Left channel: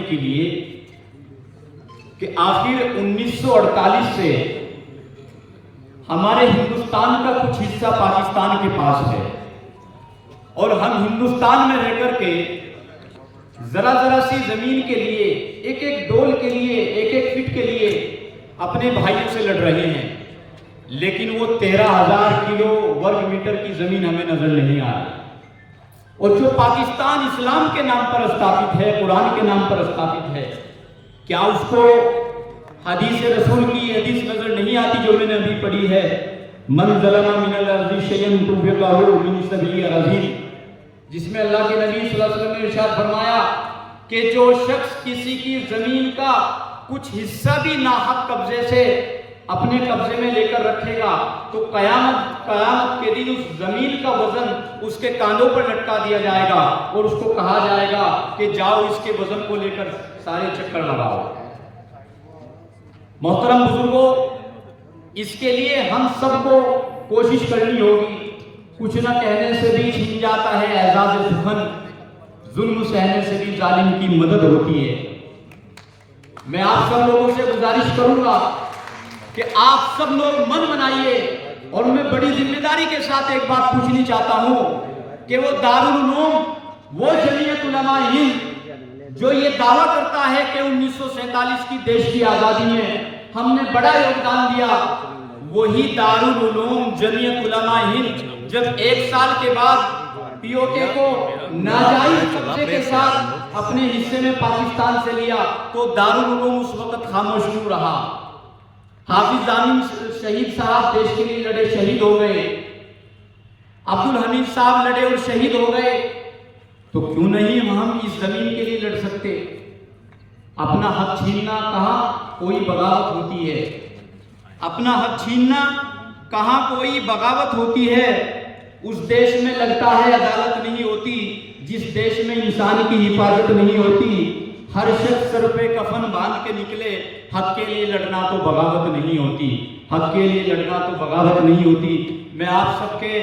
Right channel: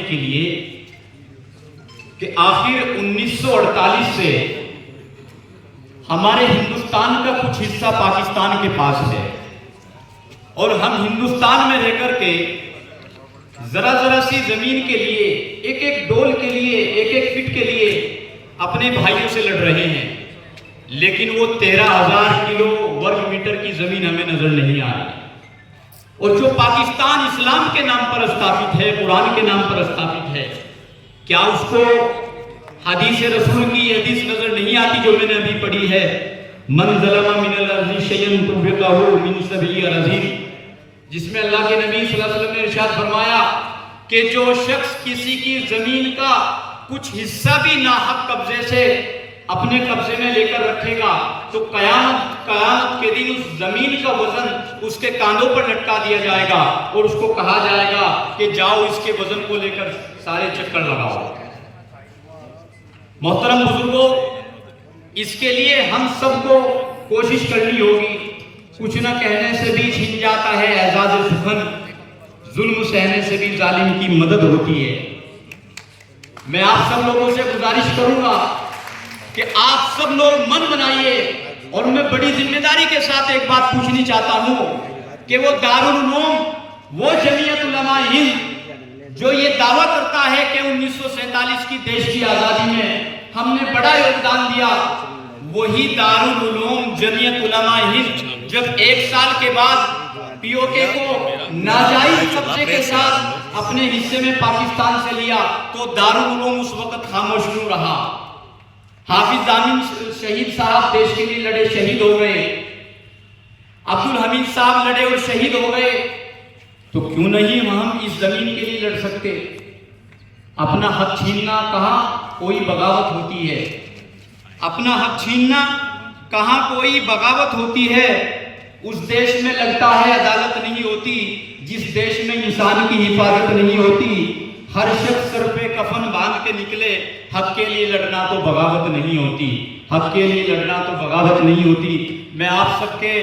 के लिए कि आखिर 1948 से हमारे हिंदुस्तान का कुछ हिस्सा पाकिस्तान के पास है और हम हिंदुस्तान में रहकर के जरा जरा सी जमीन के लिए, एक एक डोल के लिए, एक एक फीट के लिए अपने भाइयों से लड़ रहे हैं, लेकिन वो 13,000 किलो वर्ग मीटर की जमीन हमें नजर नहीं आ रही। और जो पाकिस्तान इस्लाम के नाम पर स्थापित है, कुरान के नाम पर स्थापित है, क्या उसको हदीस रसूल की हदीस नजर नहीं आती जो मैंने अभी पढ़ी है? मन ज़लमा मिनल अर्ज़ि शय्यन तुफ़िक़हु मिन सबई अराज़ीन, जिसमें अल्लाह के नबी सल्लल्लाहु अलैहि वसल्लम ने इरशाद फरमाया कि जो शख्स किसी की जमीन का कुछ हिस्सा भी नाहक कब्जे से अपने कब्जे में लेकर रखेगा तो कयामत के दिन उस जमीन का वजन उसके कांधों पर लटका दिया जाएगा और उसको कहा जाएगा कि जाओ इसके वजन को लेकर सारे चक्कर लगाओ। मोहतरम बुजुर्गों, इसके लिए हम सबको कोशिश करनी होगी। कुछ न कहने से भी छिन जाता है एजाज सुखन, जुल्म सहने से भी जालिम की मदद होती है। मैं आप सब लोगों से गुजारिश करूंगा कि आप सब लोग मन बनाइए, और मैं बड़ी जिम्मेदारी के साथ एक बात पूछनी चाहता हूं कि वो दारुल उलूम, वो जमीयत उलमा हिंद जो ये दावा करता है कि 1947 की देश की आजादी में हमने बड़ा योगदान दिया, वही दारुल उलूम जमीयत उलमा हिंद जब एक साल के बाद पीओके को नाजायज कब्जे के साथ अपने हिस्से में पाकिस्तान से लिया तो दारुल उलूम उस वक्त खामोश क्यों रहा? हाफिज आमीन शहीद साहब देश के लिए लड़े, शहीद हो गए। अब्दुल हमीद साहब लड़े और शहीद हो गए, तो क्यों नहीं हम इस जमीन के लिए लड़ सकते? अपना हक छीनना कहाँ कोई बगावत होती है? अपना हक छीनना कहाँ कोई बगावत होती है? उस देश में लगता है अदालत नहीं होती जिस देश में इंसान की हिफाजत नहीं होती। हर शख्स सर पे कफन बांध के निकले, हक के लिए लड़ना तो बगावत नहीं होती, हक के लिए लड़ना तो बगावत नहीं होती। मैं आप सबके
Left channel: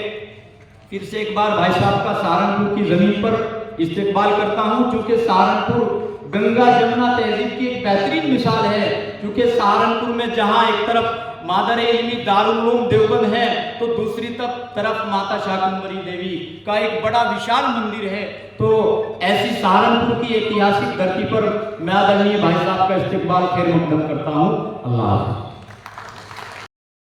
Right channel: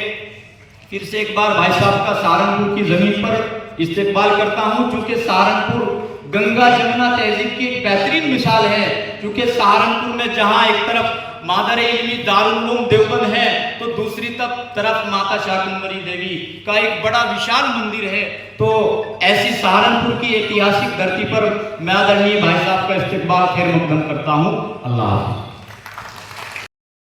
फिर से एक बार भाई साहब का सहारनपुर की जमीन पर इस्तेकबाल करता हूं, क्योंकि सहारनपुर गंगा जमुना तहजीब की एक बेहतरीन मिसाल है। क्योंकि सहारनपुर में जहां एक तरफ मादर इल्मी दारुल उलूम देवबंद है तो दूसरी तरफ माता शाकुंभरी देवी का एक बड़ा विशाल मंदिर है। तो ऐसी सहारनपुर की ऐतिहासिक धरती पर मैं आदरणीय भाई साहब का इस्तेकबाल खैर मकदम करता हूँ। अल्लाह हाफ़िज़।